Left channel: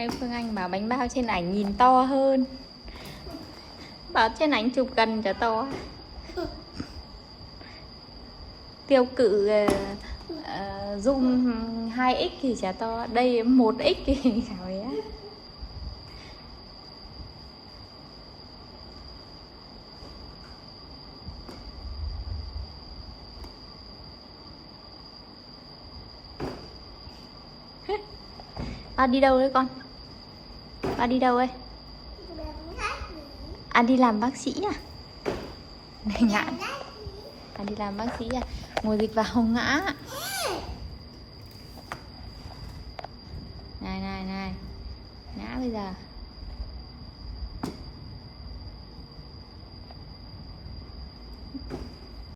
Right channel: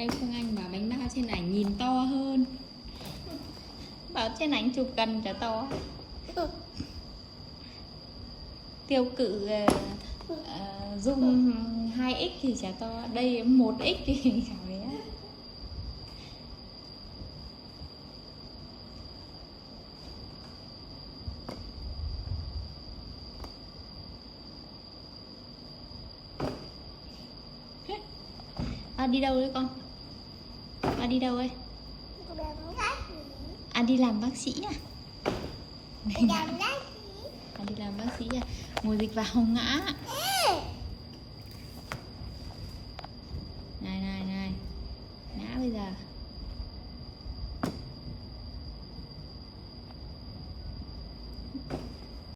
Nay Phương Anh bảo bánh bao trên ảnh nhìn to hơn. Bảo trên ảnh chụp gần chả to. Tiêu cự zoom 2x thì chả to. Đây 1x thì chả bé. Ba đi đâu đấy con? Ba đi đâu đấy? À đi làm bác sĩ à? Ngã. À đi làm bác sĩ à? Ngồi dịch vào không ngã. Này này này. Ngã bây giờ.